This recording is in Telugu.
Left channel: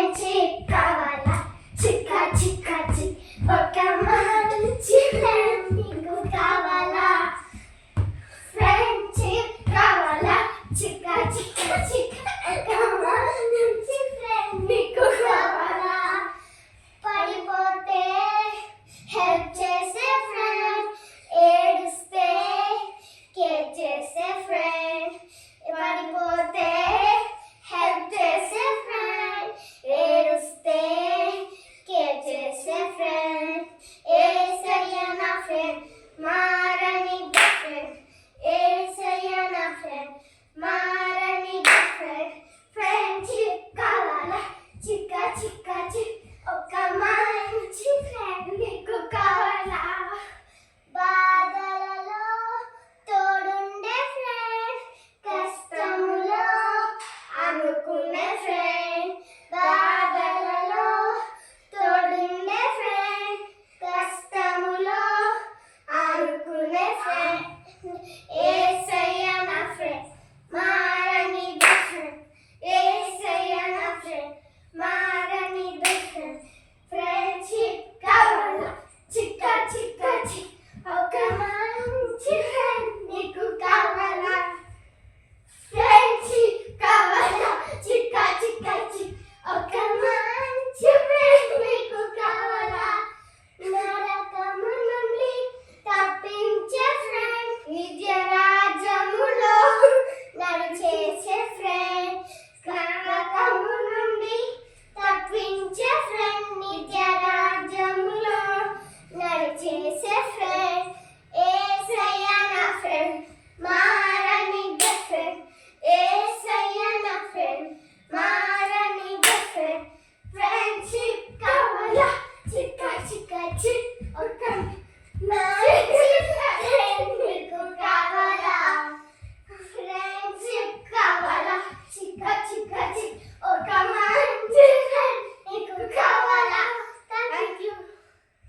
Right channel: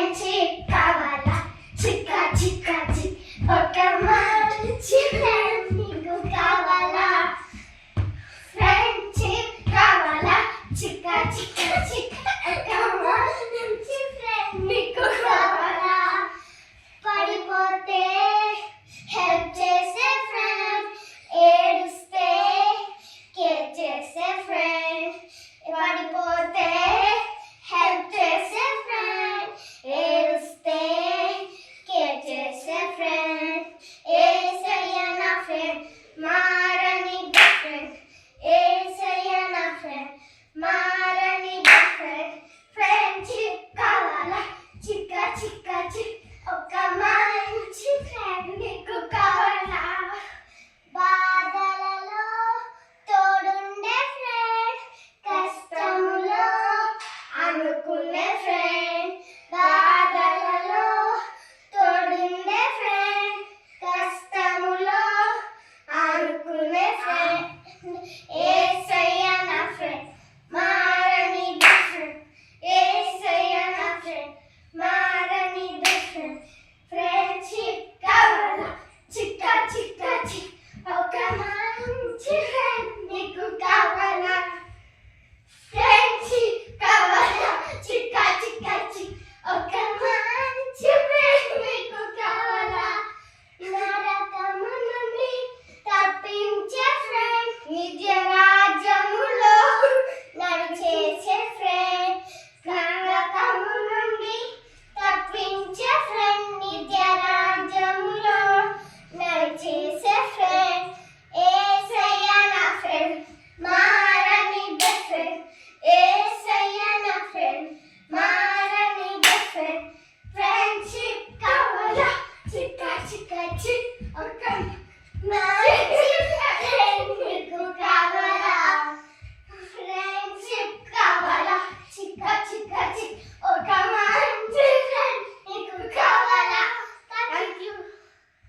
ఫ్రెండ్షిప్ కావాలా చిక్క చిక్క చిక్ ఒక మంచి ఫ్రెండ్ నీకు కావాలా ఫ్రెండ్షిప్ కావాలా చిక్క చిక్క చిక్ ఒక మంచి ఫ్రెండ్ నీకు కావాలా పడిపోతే హెల్ప్ చేసే ఫ్రెండ్ ఏడిస్తే కేర్ చేసే ఫ్రెండ్ పడిపోతే హెల్ప్ చేసే ఫ్రెండ్ ఏడిస్తే కేర్ చేసే ఫ్రెండ్ ఏసయ్య నా ఫ్రెండ్ మారని బెస్ట్ ఫ్రెండ్ ఏసయ్య నా ఫ్రెండ్ మారని బెస్ట్ ఫ్రెండ్ ఫ్రెండ్షిప్ కావాలా చిక్క చిక్క చిక్